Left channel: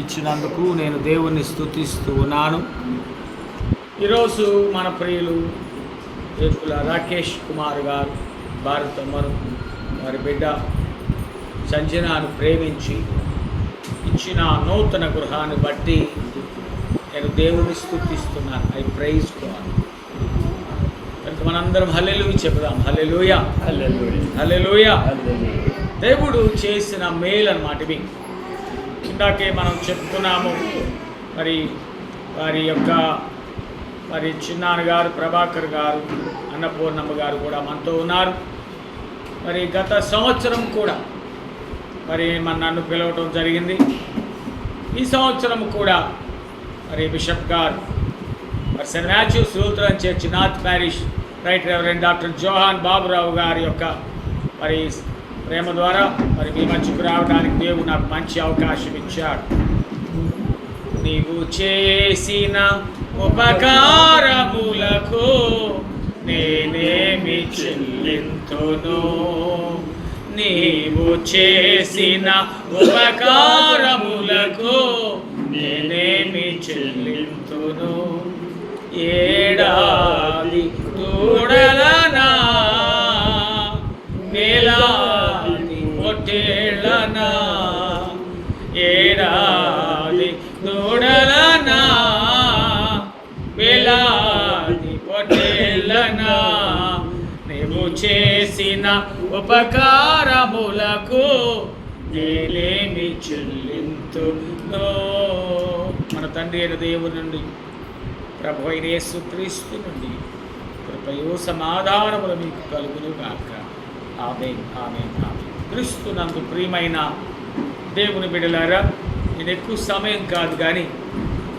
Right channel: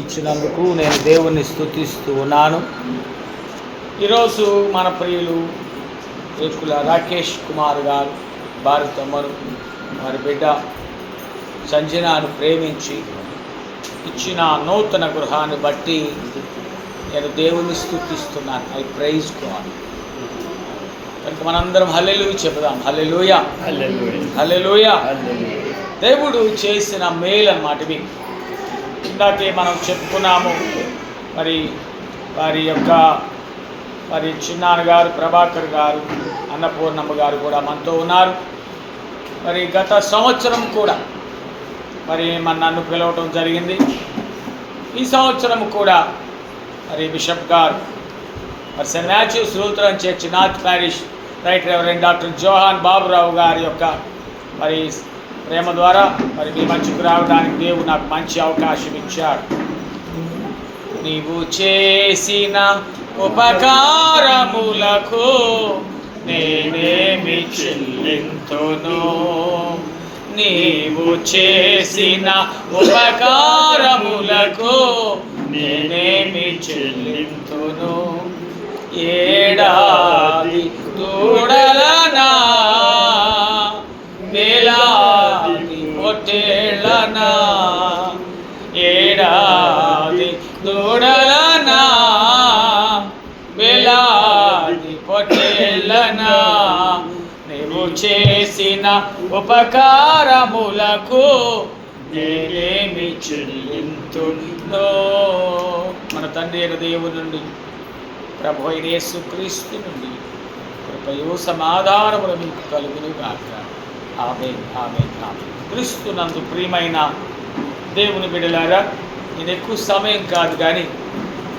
ఇచ్చినందుకు నేను దేవుణ్ణి స్తుతిస్తూ ఉన్నాను. ఈరోజు మన ప్రియులు రేపుల రాకేష్ కుమార్ గారు భారతమ్మను వారి బిడ్డ సంజనాను ప్రేమించి ఇచ్చిన నూతన గృహాన్ని బట్టి నేను దేవుని స్తుతిస్తున్నాను. I praise God. కనుక మనందరం హల్లెలూయా చెబుదాం. హల్లెలూయా, హల్లెలూయా. దేవుడు చేసిన మేలు అన్నమాట ఇవి. ఇందాకే మనం చెప్పుకున్నాము. మరి వారి యొక్క చిన్నాన్న గారు, ప్రభాకర్ గారు, అన్నపూర్ణమ్మ గారు కూడా మనతో ఉన్నారు. మరి గత సంవత్సరం కూడా నన్ను పిలవటం జరిగింది. ఈ సంవత్సరం కూడా మరి బిషప్ గారు మరి Saint Matthews Lutheran church north parish right reverend doctor Johan Baburao గారి యొక్క మరి ప్రేమ ద్వారా మరి మీ మధ్యకు రావడానికి దేవుడు నాకు మంచి అవకాశం ఇచ్చాడు. నీవు చేసిన ఉపకారములకు నేనేమి చెల్లింతును, నీవు చేసిన ఉపకారములకు నేనేమి చెల్లింతును. ఏడాది దూడలనా వేలాది పొట్టేళ్ళనా, ఏడాది దూడలనా వేలాది పొట్టేళ్ళనా, నీవు చేసిన ఉపకారములకు నేనేమి చెల్లింతును. మన తండ్రి అయిన దేవుని నుండి, ప్రభు అయిన యేసుక్రీస్తు నుండి కృపయు సమాధానములు మీకు కలుగును గాక. ఆమేన్, ఆమేన్, ఆమేన్. క్రీస్తునందు ప్రియమైన దేవుని బిడ్డలారా, నేను ఎక్కువ సమయం కాదు కానీ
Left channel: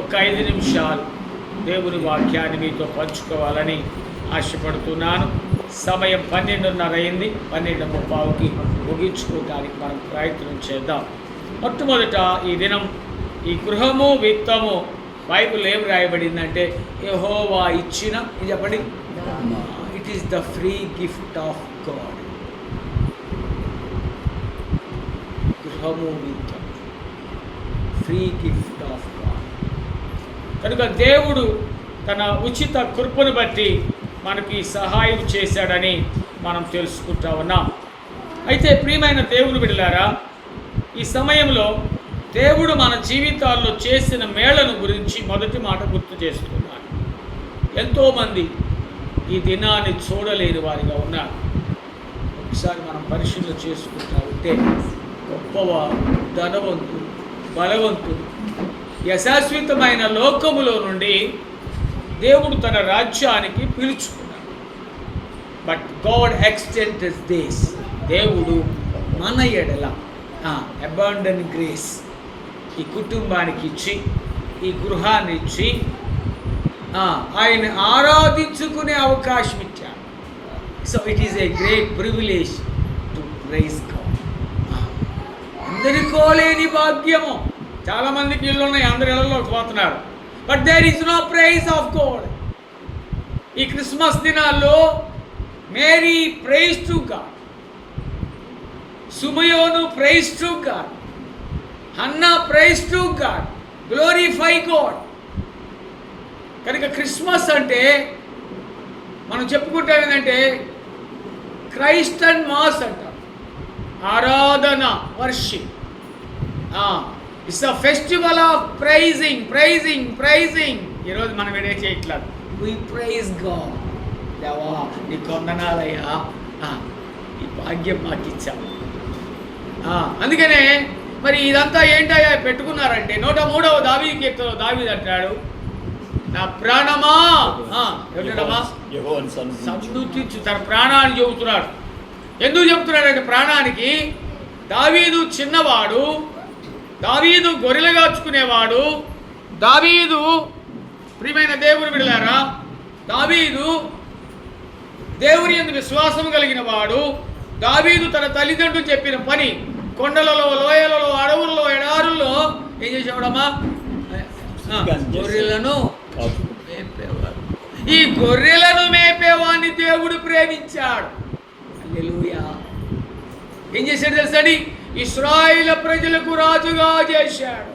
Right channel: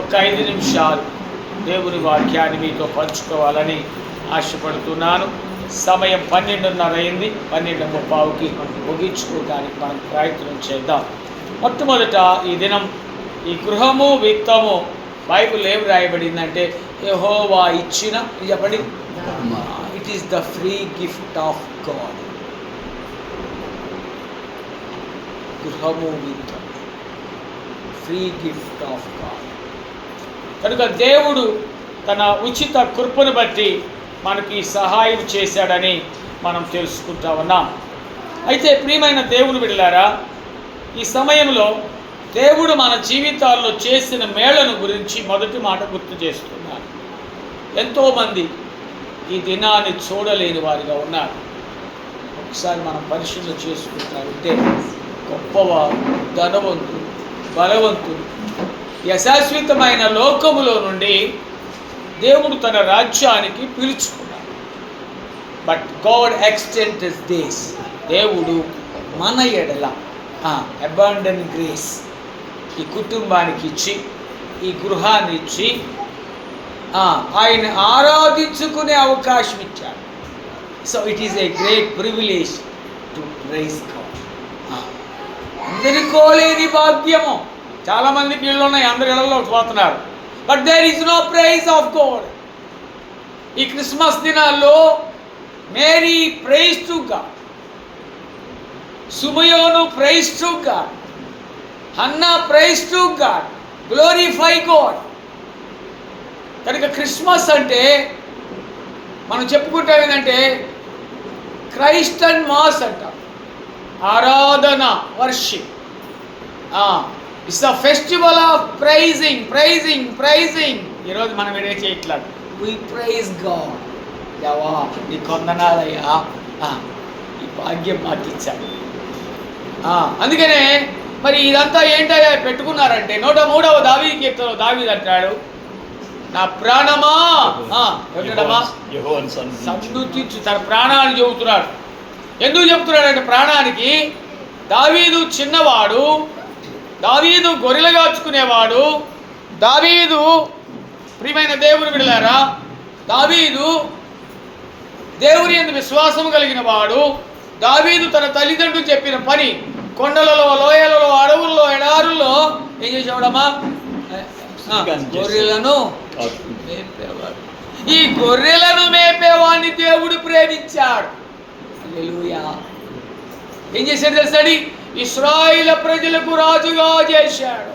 ఒక 5 నిమిషాలు దేవుని వాక్యాన్ని మీతో పంచుకోవాలని ఆశపడుతున్నాను. సమయం 12:30 అయింది. 12:30కి ముగించుకోవడానికి మనం ప్రయత్నం చేద్దాం. మొట్టమొదట ఈ దినం ఈ గృహము విత్తము బైబిల్ ఏం రాయబడిందంటే యెహోవా ఇచ్చిన, చెప్పండి, it is the free gift of God. గృహము విత్తము ఫ్రీ గిఫ్ట్ ఆఫ్ గాడ్. కనుక దేవుడు తన ఉచిత కృపను బట్టి మనకి సహాయం చేశాడని మనం తెలుసుకుంటా ఉన్నాం. అయితే ప్రియమైన దేవుని బిడ్డలారా, ఈ సమయంలో దేవుడు మన జీవితాల్లో చేసిన మేళను గురించి మొదటి మాట గుర్తు చేస్తున్నారు. ఎంతోమంది ఈ దినాన్ని చూడలేని వారిగా ఉన్నారు. ఒకసారి మనం పరిశీలన చేసుకుంటారంటే గొప్పవారు, ధనవంతులు, బలవంతులు ఈ అశాశ్వతమైన లోకములో నుండి దేవుడు తన రాజ్యానికి పిలుచుకున్నాడు. But God extended this. దేవుడు మన ఎడల అబాండెంట్ గ్రేస్ ఈ కుటుంబానికి ఇచ్చి, ఈ గృహాన్ని ఇచ్చి ఆయన ఆరాధించుకునే అవకాశం ఇచ్చాడు. So it is a great privilege to praise God. అందరికోలేని భాగ్యము. చాలామందికి ఇళ్ళు ఉన్నాయి, అందరి ఇళ్ళలో పోతున్నారు. But there is no praise of God. ఈ క్రిస్మస్ దినాల్లో మేరీ ప్రైజ్ టు గాడ్, సుమయోను praise to God, Hannah praise to God, glorify God. కనుక క్రిస్మస్ అంటే మనం చెప్పుకుంటాం ఏంటంటే క్రైస్టన్ మాస్ అంటాం, ఆరాధన, worship. It's a festival of praising, praising, praising. ఈరోజు మనం ఏం చేయట్లేదు, వి ప్రైజ్ గాడ్. యవా నీ కొందనాలయ్యా, ఈ భాగ్యం మాకు ఇచ్చాను. అందుకనే మరి ఇదంతా ఏంటయ్యా పెట్టుకున్నారంటే 103వ దావీదు కీర్తనలో దావీదు అంటాడు, నా ప్రాణమా సంతృప్తి. తన ప్రాణాన్ని చెబుతున్నాడు. ఎందుకు చెప్తున్నాడంటే ప్రాణానికి, దావీదు చిన్నవాడు, దావీదు గొర్రెలు కాచుకునేవాడు, దావీదు ప్రియమైన దేవుని బిడ్డలారా, దావీదు దేవుని యందు విశ్వాసము కలిగిన వాడు. దావీదు తన తల్లిదండ్రులు చెప్పిన పని, కొండలలో, లోయలలో, అడవుల్లో, ఎడారుల్లో ఏం చేసేవాడమ్మా? గొర్రెలను మేపేవాడు. ఈ గొర్రెలను మేపేవాడిని దేవుడు ప్రేమించాడు. హల్లెలూయా. ఏం చేశాడు తెలుసండి? ఇశ్రాయేలు ప్రజలకు రాజుగా చేశాడు.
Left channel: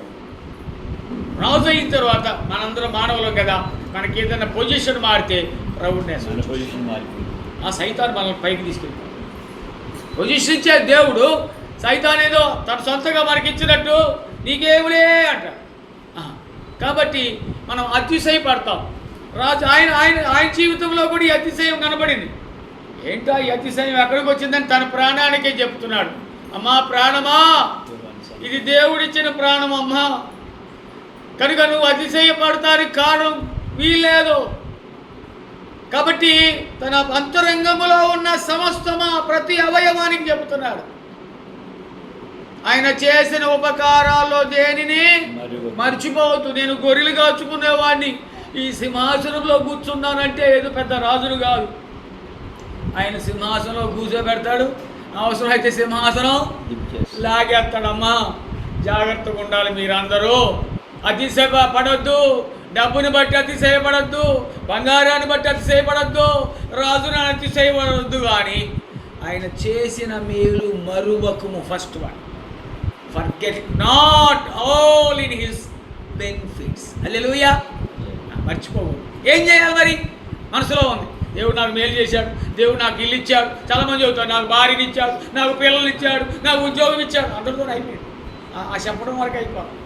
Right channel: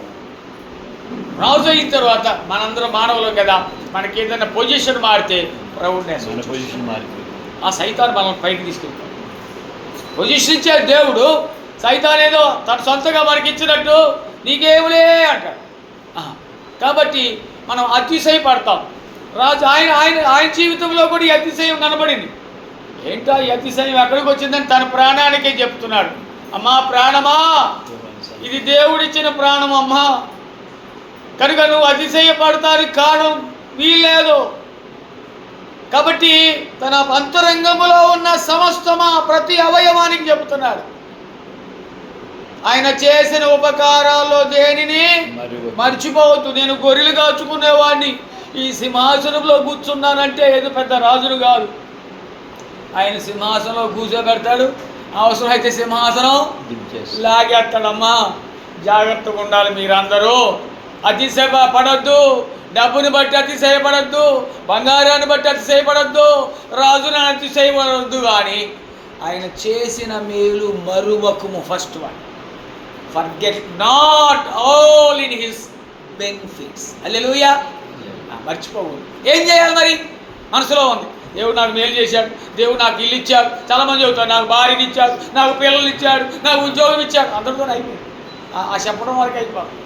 రాజు అయిన తర్వాత మనందరం మానవులం కదా, మనకి ఏదైనా పొజిషన్ మారితే ప్రభుత్వం పొజిషన్ మారిపోయింది. ఆ సైతాన్ మనం పైకి తీసుకెళ్తాం. పొజిషన్ ఇచ్చే దేవుడు సైతాన్ ఏదో తన సొంతగా మనకి ఇచ్చినట్టు నీకేములే అంటాడు. కాబట్టి మనం అతిశయపడతాం. రాజు ఆయన ఆయన ఆయన జీవితంలో కూడా ఈ అతిశయం కనబడింది. ఏంటో ఈ అతిశయం ఎక్కడికి వచ్చిందని తన ప్రాణానికే చెప్తున్నాడు. అమ్మా ప్రాణమా, ఇది దేవుడిచ్చిన ప్రాణం అమ్మా, కనుక నువ్వు అతిశయపడతానికి కారణం వీల్లేదు. కాబట్టి తన అంతరంగంలో ఉన్న సమస్తమా ప్రతి అవయవానికి చెబుతున్నాడు. ఆయన చేసిన ఉపకారాల్లో దేనిని మర్చిపోవద్దు. నేను గొర్రెలు కాచుకునేవాడిని ఈ సింహాసనంలో కూర్చున్నానంటే ఏదో పెద్ద రాజును కాదు. ఆయన సింహాసనంలో కూర్చోబెడతాడు, అవసరమైతే సింహాసనం లాగేస్తాడమ్మా. జాగ్రత్తగా ఉండాలి మీరందరూ. అతిశయ పడొద్దు, డబ్బుని బట్టి అతిశయపడద్దు, బంగారాన్ని బట్టి అతిశయపడద్దు, రాజుని అతిశయపడద్దు. కానీ ఆయన చేసిన మేలు మరువకుము. First one, forget not all in his benefits. హల్లెలూయా. మర్చిపోకూడదు. ఏం చేయాలి మరి? మనసులో ఉంది, దేవుడు నాకు మేలు చేశాడు, దేవుడు నాకు ఇల్లు ఇచ్చాడు. చాలామంది చెబుతాడు నాకు భార్యని ఇచ్చాడు, నాకు పిల్లలు ఇచ్చాడు, నాకు ఉద్యోగం ఇచ్చాడు. అందరితో అయిపోయింది. ఆ చెప్పడం వరకు అయిపోయింది.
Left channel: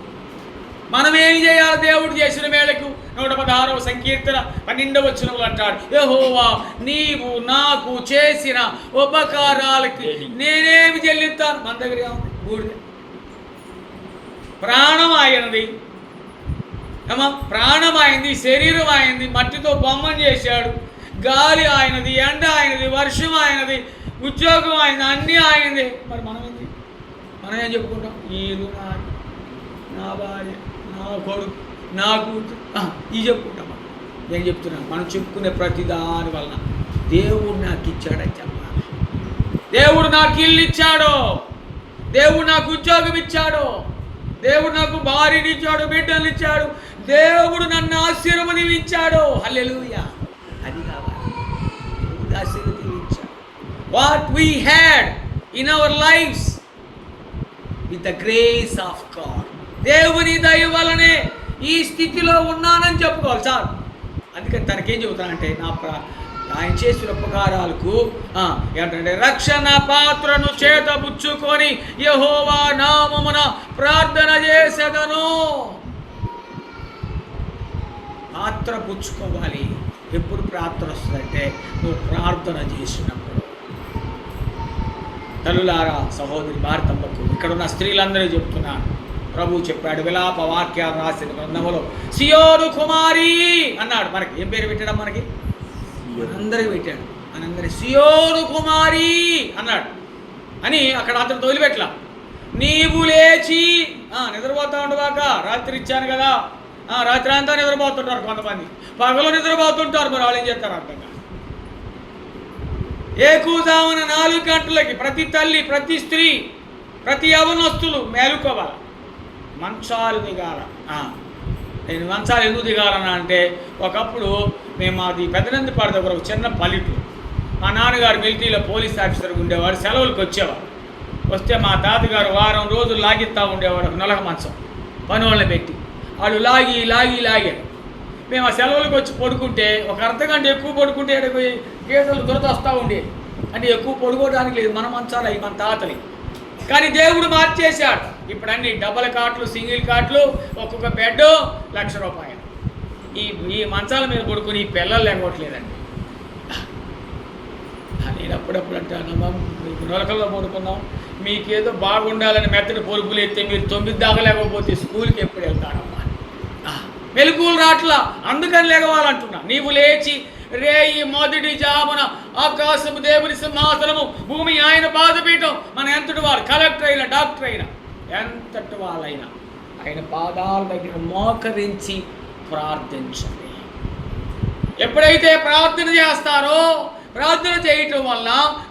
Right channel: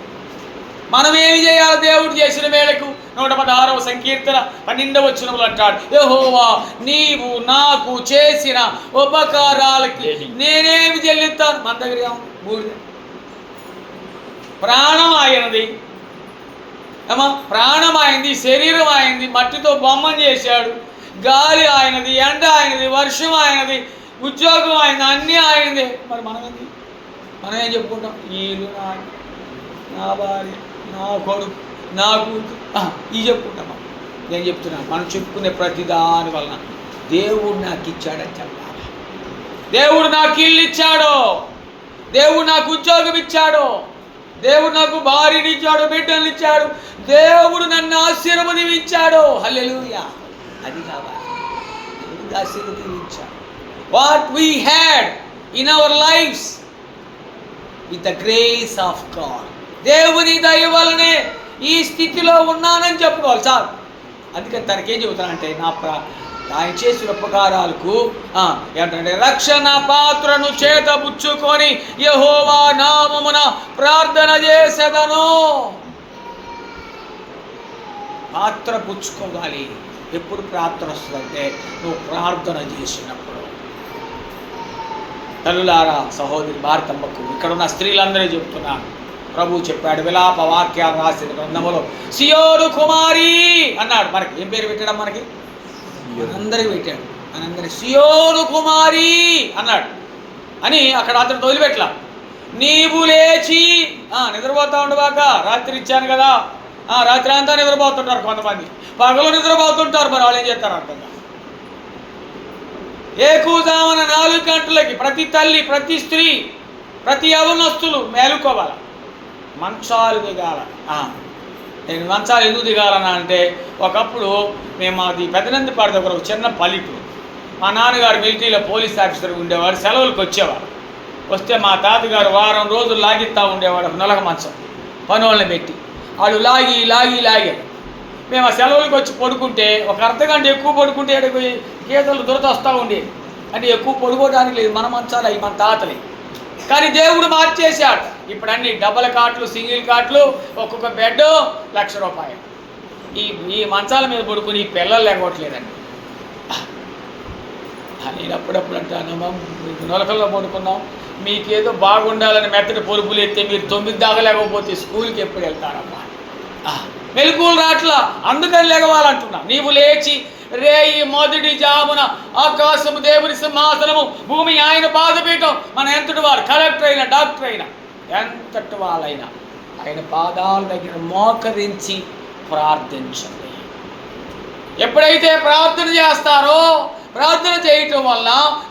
మనం ఏమి చేయాలి? దేవుడు చేసిన మేలకు 116వ సంకీర్తన 12వ వచనంలో అంటాడు, యెహోవా నీవు నాకు చేసిన ఉపకారాలకి నేనేమి చెల్లిస్తాను? మన దగ్గర బూడిద. ప్రాణం ఆయనది, ఏమో ప్రాణం ఆయనది, శరీరం ఆయనది, మట్టితో బొమ్మను చేశాడు. గాలి ఆయనది, ఎండ ఆయనది, వర్షం ఆయనది, ఉద్యోగం ఆయనది, అన్నీ ఆయనదే. మరి మనం ఏం చెప్పుకుంటాం? వీళ్ళు నా భార్య, నా కొడుకు, నా కూతురు, ఇవి చెప్పుకుంటాం. నేను చెప్తున్నాను, మనం చెప్పుకునే ప్రతి దాని వలన దేవుడు నాకు ఇచ్చాడని చెప్పాలి. దేవుడు నాకు ఇల్లు ఇచ్చాడు, దేవుడు నాకు ఉద్యోగం ఇచ్చాడు, దేవుడు నాకు భార్యని ఇచ్చాడు, బిడ్డలు ఇచ్చాడు, దేవుడు నన్ను ఆశీర్వదించాడు. హల్లెలూయా. అది కావాలి, ఆశీర్వదించాడు. What we had in our lives with the grace of God. దేవుని దయ వలనే ఈ స్థితిలో ఉన్నానని చెప్పుకోవాలి సార్. అందుకని తనకేం చెబుతానంటే ఆయన చేసిన ఉపకారాలకు ఏంటంటే రక్షణ పాత్రను చేతబుచ్చుకొని యెహోవా నామమున ప్రార్థన చేసేదను. పాత్ర పుచ్చుకోవాలి. ఎప్పుడు ప్రార్థన వస్తుందంటే నువ్వు ప్రార్థన చేసినప్పుడు. తల్లులారా, సహోదరి భారతమ్మకు ఇక్కడ ఉన్న స్త్రీలందరూ చెప్తున్నారు, ప్రభు చెప్పాడు విలాప వాక్యాలు రాసిన గ్రంథములో సియోను కుమారి అన్నాడు. మనకి ఏం పేరు పెట్టాడు? మనకి అందరికి పెట్టాడు. మనందరి సియోను కుమారి అన్నాడు అని అక్కడ అతను వదిలిపెట్టలా. నీవు లేచి నిద్రపోతా ఉండవాక, రాత్రి ఇచ్చాను కదా, రాత్రి అంతా నిద్రపోతుంటారు కొంతమంది, పగలు నిద్రపోతుంటారు. మరి వాళ్ళు ఏం చేస్తారు అర్థం కాదు. ఏకూజామున 4 గంటలకి ప్రతి తల్లి, ప్రతి స్త్రీ, ప్రతి యవనస్తులు మేలుకోవాలి. మంచాలు దిగాల. నేను మంచాలు ఎందుకు దిగాలన్నా అంటే, ఒకప్పుడు మేము అది పెదనందిపాడు దగ్గర ఒక చిన్న పల్లెటూరు. మా నాన్నగారు మిలిటరీలో పోలీస్ ఆఫీసర్ ఉండేవారు. సెలవులకు వచ్చేవారు. వస్తే మా తాతగారు వారం రోజులు లాగిస్తూ ఉండేవాడు. నలగ మంచం పని వాళ్ళని పెట్టి వాళ్ళు లాగి మేము ఆ సెలవులకు వచ్చి పడుకుంటే ఒక అర్ధగంట ఎక్కువ పడుకుంటే గీతలు దురద వస్తూ ఉండేది. అంటే ఎక్కువ పడుకోవడానికి లేదు, మన మంచాలు అవి మన తాతలే. కానీ దేవుడు మార్చేశాడు. ఇప్పుడు అన్ని డబల్ కాట్లు, సింగిల్ కాట్లు, ఒక్కొక్క బెడ్ ₹1,00,000. ఈ మంచాల మీద పడుకుని ఈ పిల్లలు లేకపోవట్లేదండి. నేను అప్పుడప్పుడు అంటాను, నొలకల్లో పడుకున్నాం, మీకేదో బాగుండాలని మెత్తటి పొరుపులు ఎత్తే మీరు 9 దాకా లేకపోతే స్కూల్కి ఎప్పుడు వెళ్తారమ్మా? మెలకువలు రాట్లా, అందుకని లేగవాలంటున్నా. నీవు లేచి రేయి మొదటి జామున ఆకాశము దేవుని సింహాసనము, భూమి ఆయన పాదపీఠం. మన ఎంతటి వారు, కలెక్టర్ అయినా డాక్టర్ అయినా ఎంతటి వాళ్ళైనా ఆయన పాదాల దగ్గర మోకరించి ప్రార్థించండి. ఎప్పుడైతే ప్రార్థన చేస్తారో, ప్రార్థన చేయటం వల్ల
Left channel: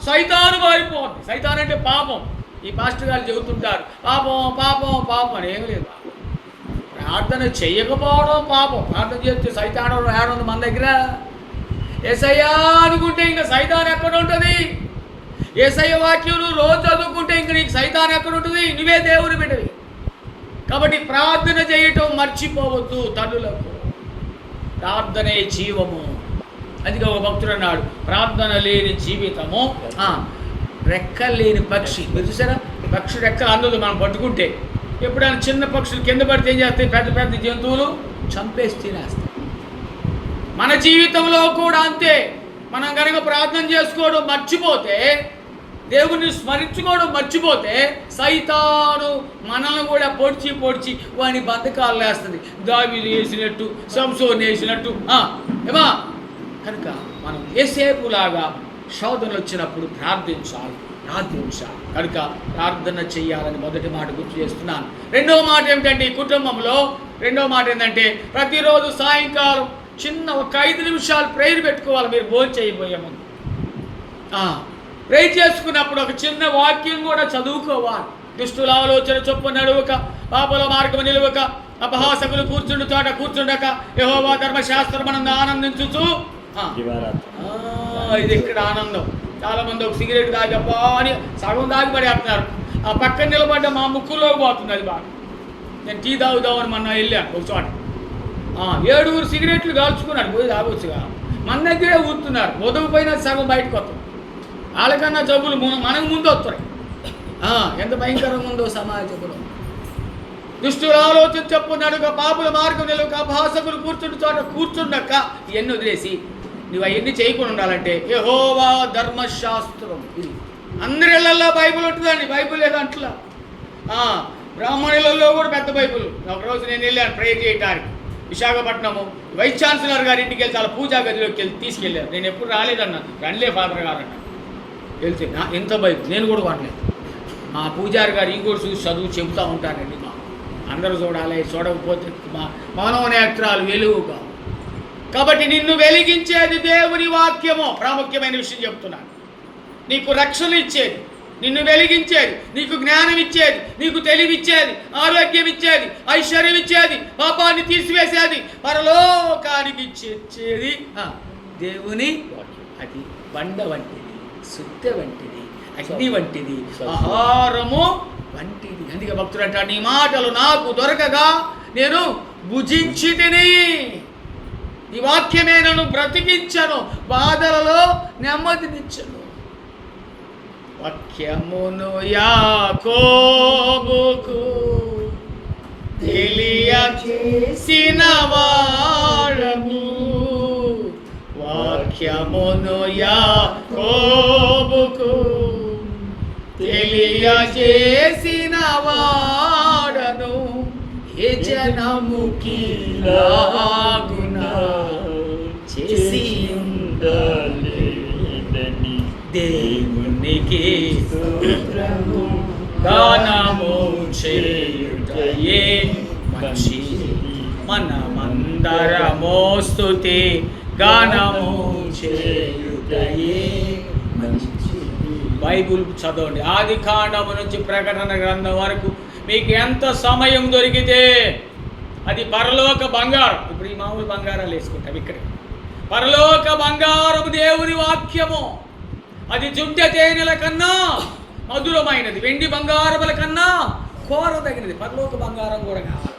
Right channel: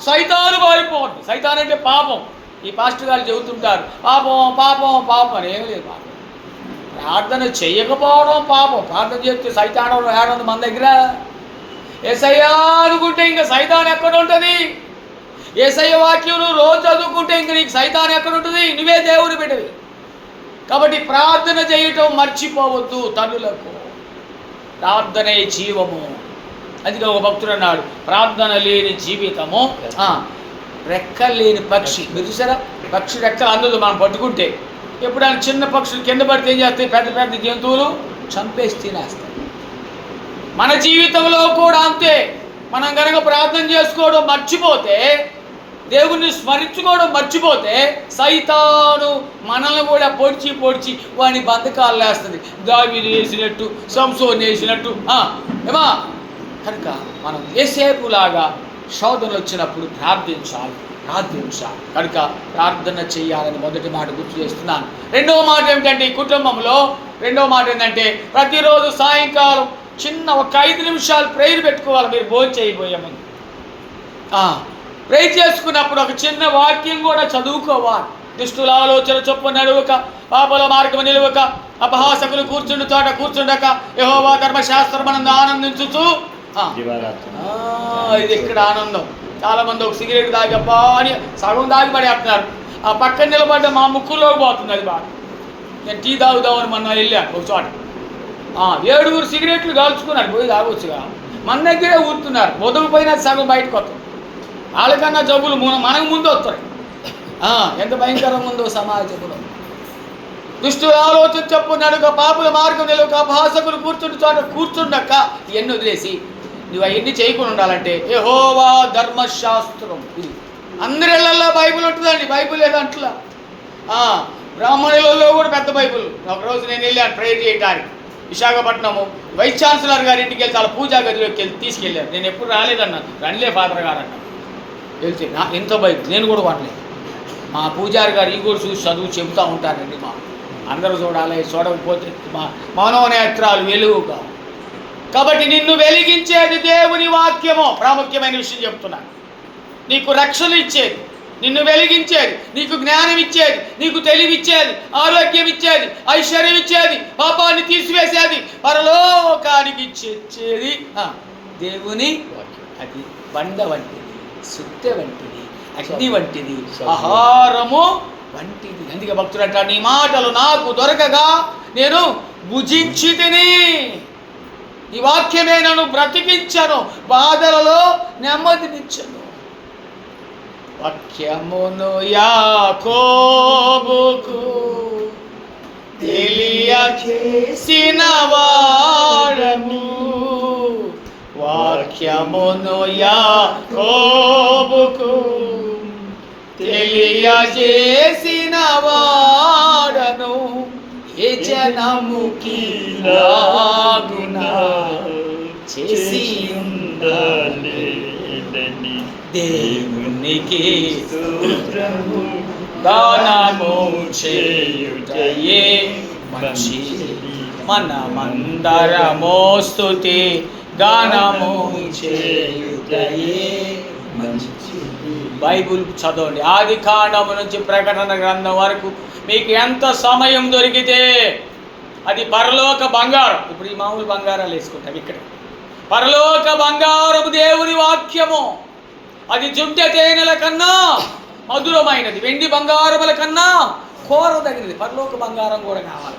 సైతాను పారిపోవద్దు. సైతాన్ అంటే పాపం. ఈ పాస్టర్ గారు చెబుతుంటారు పాపం పాపం పాపం అని. ఏమి లేదు. ప్రార్థన చేయకపోవడం పాపం. ప్రార్థన చేస్తే సైతాన్ ఏడుంది మన దగ్గర. యేసయ్యా అనుకుంటే ఇంకా సైతాన్ ఎక్కడ ఉంటుంది? యేసయ్య వాక్యం నువ్వు రోజు చదువుకుంటే ఇంక నీకు సైతాన్ ఎక్కడ ఉంటుంది? నువ్వే దేవుని బిడ్డవి. కాబట్టి ప్రార్థన చేయటం మర్చిపోవద్దు. తల్లులకు ప్రార్థనే జీవము. అందుకే ఒక భక్తుడు అన్నాడు, ప్రార్థన లేని జీవితము రెక్కలు లేని పక్షి. మీరు చూసారా, పక్షి రెక్కలు అందదు మనం పట్టుకుంటే. ఎప్పుడైనా చిన్న పక్షులు కింద పడితే ఏం చేస్తాయి? పెద్ద పెద్ద జంతువులు చంపేసి తినేస్తాయి. మన జీవితంలో కూడా అంతే. మనం కనుక ప్రార్థన చేసుకోవడం మర్చిపోతే, దేవుణ్ణి స్మరించుకోవడం మర్చిపోతే, సైతాను మనల్ని కూడా పొడిచి వాడిని బంధకాలు వేస్తుంది. దావీదు వేసినట్టు, సంసోను వేసినట్టు. ఏమా కనుక మనం ఏసేపులాగా శోధనలు వచ్చినప్పుడు ప్రార్థించాలి. కనుక ప్రార్థన చేయాలని మొదటి మాట గుర్తు చేస్తున్నాను. రెండవ మాట ఏమిటంటే, ఈ కుటుంబంలో రెండవ మాట ఏంటంటే, ప్రతిరోజు సాయంకాలం చిన్న ఒక 5 నిమిషాలు ప్రేయర్ పెట్టుకోవాలి. మీరు భోజనం చేయబోయే ముందు ప్రేయర్ చేసుకున్నప్పుడు ఒక చిన్న వాక్యం కూడా చదువుకోవాలి. దుష్టుల ఆలోచన చొప్పున నడువక, పాపల మార్గం నిలువక, అపహాసకులు కూర్చుండు చోట కూర్చుండక, యెహోవా ధర్మశాస్త్రమనందు ఆనందించుచు. ఇది ఇక్కడ ఆనందం. చాలామంది ఒక సిగరెట్ తాగబ్బా అని సగం తాగి పడేస్తున్నారు. ఆ పక్కన నిలబడ్డ మా ముక్కులోకి పోతుంది అది బాగా. నేను టీ తాగుదామని మొన్న వెళ్ళాను ఒక చోట. 7 సిగరెట్లు కాల్చుకున్నారు. పోయి తాగొచ్చుగా, మన దగ్గరే ఊరుతున్నారు. మొదలుపోయినా సగం బయటకు వస్తుంది. వాళ్ళకన్నా జబ్బులు మనకు ముందు వస్తారు. ఎంత భయంకరంగా ఉందో సమాజంలో. దుష్టుల ఆలోచన చొప్పున నడుక, పాపుల మార్గం నిలువక, అపహాసకులు కూర్చుంటే చోట కూర్చుండక, ఇవన్నీ వదిలేసి నువ్వు అవన్నీ చేయకుండా ఉండాలంటే యెహోవా ధర్మశాస్త్రం. ఇది అందరిళ్ళల్లో బైబిల్ ఉంటుందండి. బైబిల్ ఏదంట్లా బ్రాహ్మణులలో కూడా పెద్ద బైబిల్. ఒకరోజు నేను వెళ్ళాను ప్రేయర్ చేయడానికి. విశాఖపట్నము వైస్ ఛాన్సలర్ గారి ఇంటికి వెళ్తే వాళ్ళ పూజా గదిలోకి తీసుకెళ్ళాను. నేను ఎప్పుడు రాలేదన్నాను. రండిలే ఫాదర్ గారు అన్న. వెళ్తే ఎంత బైబిల్ నేను కూడా వాడలేదు. మా పూజారి గారు ఈ కూడా చూసి చదువు చెబుతూ ఉంటారండి. అందరూ చూడాలి, చూడకపోతే మనోనేత్రాలు వెలుగుగా. కాబట్టి నిన్ను వెలిగించేది దేవుని వాక్యము. ప్రాముఖ్యమైన విషయం చెప్తున్నాను. నీకు రక్షణ ఇచ్చేది, నిన్ను వెలిగించేది, నీకు జ్ఞానం ఇచ్చేది, నీకు తెలివిచ్చేది, ఆరోగ్యం ఇచ్చేది, ఐశ్వర్యం ఇచ్చేది, పాపాన్ని తీసివేసేది, పరలోకానికి ఇచ్చేది దేవుని వాక్యం. అది బండ వంటిది, సుత్తె వంటిది, అగ్ని వంటిది, ఆహారము వంటిది. అందుకే భక్తుడు అంటాడు, నీ మాటలు నాకు దొరకగా నేను భుజించి తిని, ఈ వాక్యమే నన్ను బ్రతికించను, బాధలలో నెమ్మదినిచ్చను. వాక్యమును యాకోబుకు తెలియచేసిన వాడను, వాక్యమును యాకోబుకు తెలియచేసిన వాడను, ఏ జనముకి లాగునా చేసి ఉండలేదని దేవునికి స్తోత్రము, దానము చేయుటయే మంచిది, మనమందరము స్తుతి గానము చేయుటయే మంచిది. బైబుల్ చదవండి. ఆది కాండము నుంచి ప్రకటన గ్రంథం వరకు మీకు ఎంత సమయం దొరికితే అది పరలోక బంగారం. ఇప్పుడు ఈ మామూలు బంగారాలు వేసుకుంటాం ఇక్కడ. పరలోక బంగారం దేవుని వాక్యము. అది జుంటె తేనెల కన్నా మధురమైనది, వెండి బంగారముల కన్నా కోరదగినది. పరలోక బంగారం కూడా కావాలి.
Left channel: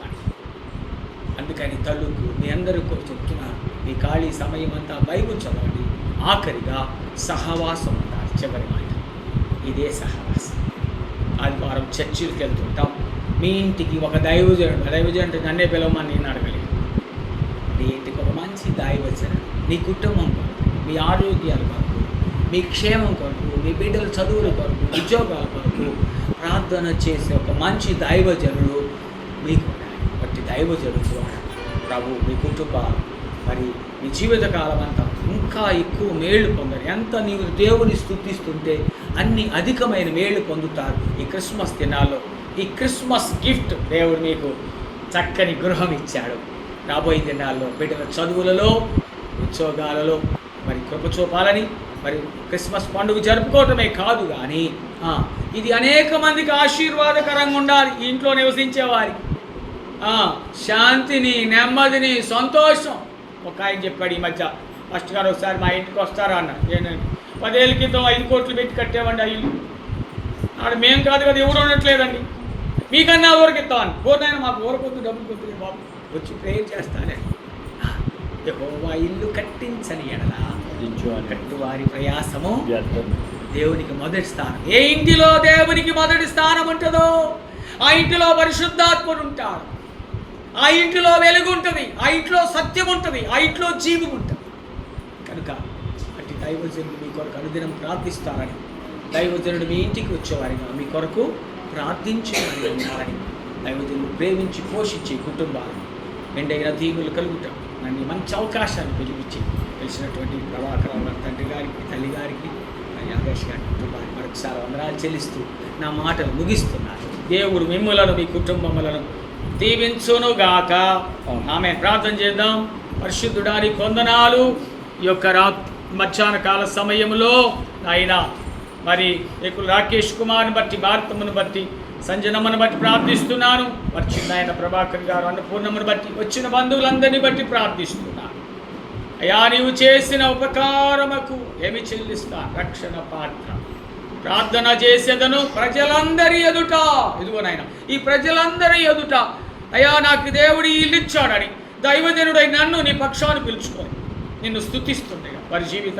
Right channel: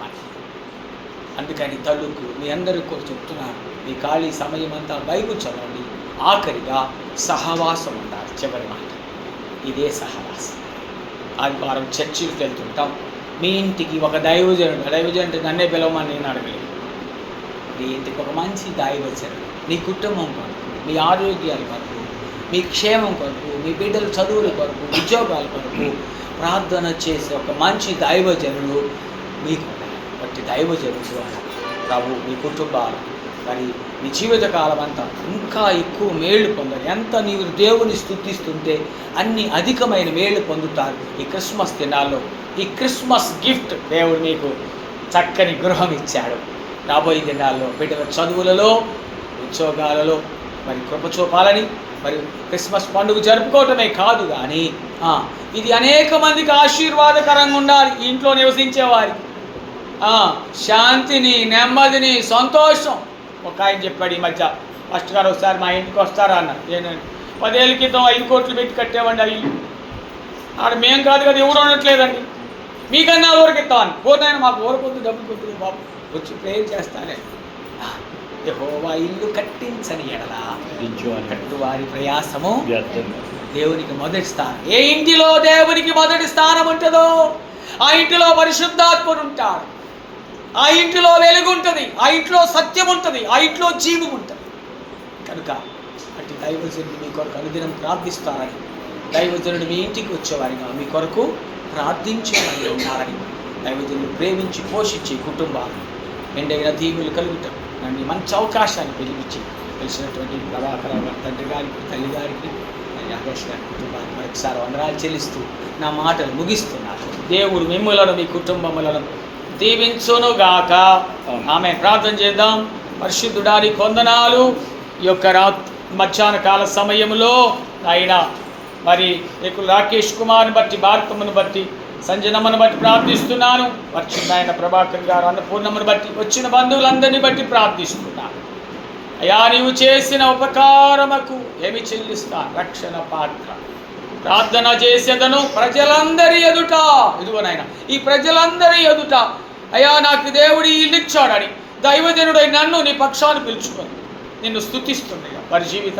అందుకని తల్లుకు మీ అందరికీ కూడా చెప్తున్నాను, మీ ఖాళీ సమయం అంతా బైబిల్ చదవండి. ఆఖరిగా సహవాసం అంటారు, చివరి మాట. ఇదే సహవాసం. ఆదివారం చర్చికి వెళ్తుంటాం. మీ ఇంటికి ఒక దైవజనుడు అంటే నన్నే పిలవమని నేను అడగలేదు. మీ ఇంటికి ఒక మంచి దైవజనుడు, నీ కుటుంబం కొరకు, మీ ఆరోగ్యాల కొరకు, మీ క్షేమం కొరకు, మీ బిడ్డల చదువుల కొరకు, ఉద్యోగాల కొరకు ప్రార్థన చేసే ఒక మంచి దైవజనుడు మీకు ప్రతి దైవజనుడు ప్రభు మీ కుటుంబాలు మరి మీ జీవితకాలం అంతా ఇంకా ఎక్కువ మేళ్ళు పొందాలి. ఎంత నీవు దేవుని స్తుతిస్తుంటే అన్ని అధికమైన మేళ్ళు పొందుతారు. ఈ క్రిస్మస్ దినాల్లో ఈ క్రిస్మస్ గిఫ్ట్ దేవుడు మీకు చక్కని గృహం ఇచ్చాడు. రాబోయే దినాల్లో బిడ్డల చదువులలో, ఉద్యోగాలలో మరి కృప చూపాలని, మరి క్రిస్మస్ పండుగ జరుపుకోవటమే కాదు కానీ ఇది అనేక మందికి ఆశీర్వాదకరంగా ఉండాలి. ఇంట్లో నివసించేవారికి శాంతిని, నెమ్మదిని, సంతోషం. ఒక ఆయన చెప్పాడు ఈ మధ్య, ఫస్ట్ గారు ఒకసారి మా ఇంటికి వస్తారా అన్న. నేను 10 ఏళ్ళ క్రితం 5 కోట్లు పెట్టి కట్టేవండి. అవి ఆడ మేము కాదు కదా, ఎవరు ఉండట్లేదండి. మీకన్నా ఊరికి ఇస్తాను. పోతాయని మాకు ఊరకొద్దు, డబ్బులు కొద్దు బాబు, వచ్చి ప్రేయర్ చేస్తానే. యెహోవా ఇల్లు కట్టించని ఎడల కట్టువారి ప్రయాసము దేవునికి మొదటి స్థానం. ఏ ఇంటిలో దేవునికి మొదటి స్థానం ఉంటుందో ఆ ఇంటిలో పరిశుద్ధాత్ముడు ఉంటాడు, ఆ ఇంటిలో వెలుగు ఉంటుంది, ఆ ఇంట్లో సత్యం ఉంటుంది, ఆ ఇంట్లో జీవం ఉంటుంది. కనుక అటు దైవజనుడు మీ కొరకు అనుదినం ప్రార్థిస్తారని, దైవజనుడు మీ ఇంటికి వచ్చేవారిగా మీ కొరకు ప్రార్థించేవారిగా ఉన్నారని, దైవజనుడు ప్రేమించి పోషించి కుటుంబాలు ఎండైన దీవులు కలుగుతాం. నన్ను మంచి అవకాశాన్ని పిలిపించి తెలిసినటువంటి ప్రభాకర్ గారి తండ్రి గారికి, తల్లి గారికి, రాకేష్ గారి కుటుంబానికి మరొకసారి వందనాలు చెల్లిస్తూ నా మాటలు ముగిస్తున్నాను. దేవుడు మిమ్ములను మీ కుటుంబములను దీవించునుగాక. ఆమె ప్రార్థన చేద్దాం. పరిశుద్ధుడానికి వందనాలు. ఈ యొక్క మధ్యాహ్న కాల సమయంలో ఆయన మరి రాకేష్ కుమార్ని బట్టి, భారతమ్మను బట్టి, సంజనమ్మను బట్టి ప్రార్థిస్తున్నాను. వచ్చిన ఆయన ప్రభాకర్ గారు అన్నపూర్ణమ్మను బట్టి, వచ్చిన బంధువులందరినీ బట్టి ప్రార్థిస్తున్నాను. అయ్యా, నీవు చేసిన ఉపకారముకు ఏమి చెల్లిస్తా? రక్షణ పాత్ర ప్రార్థన చేసేదను ప్రజలందరి ఎదుట. ఇదిగోనైనా ఈ ప్రజలందరి ఎదుట అయ్యా నాకు దేవుడు ఇల్లు ఇచ్చాడని దైవజనుడై నన్ను నీ పక్షాన్ని పిలుచుకొని నిన్ను స్తుతిస్తుండగా వారి జీవితం